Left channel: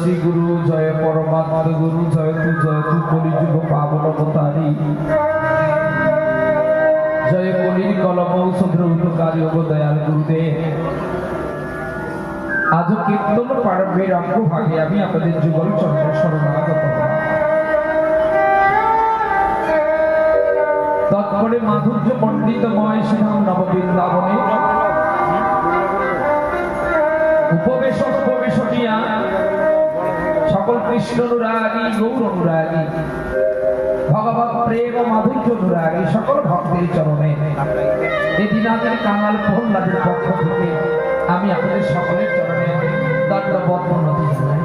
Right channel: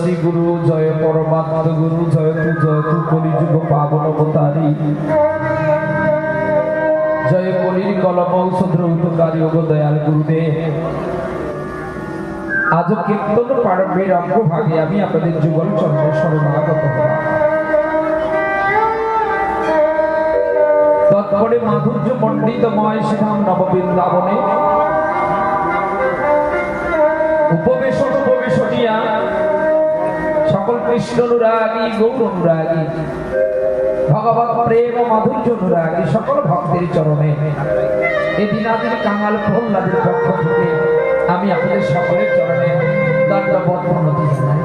শ্রী গুরু, জয় পরমাত্ম গুরু, জয় তু কলিযুগ পাবন অবতারী, জয় কলির কলম ঔষধ উপকারী ও দয়াল গুরুদেব। আজ কীর্তন পারবের অগ্রভাগে আমি আপনাদের যুগল চন্দ্র শরণাগত হলাম। তৎপরে মাধুর্য পণ্ডিতময় শ্রীধাম নববৃন্দাবনে উপবেশটিয়া সকল কৃষ্ণ অনুরাগী, গৌর অনুরাগী, ভগবত প্রেম ও মাধুর্য অনুরাগী সকল ভক্তের চরণে এদিন আমাদের কাঙাল প্রহ্লাদের পক্ষ থেকে আমি আপনাদের সকলের চরণে দণ্ডবত প্রণতি জানাই।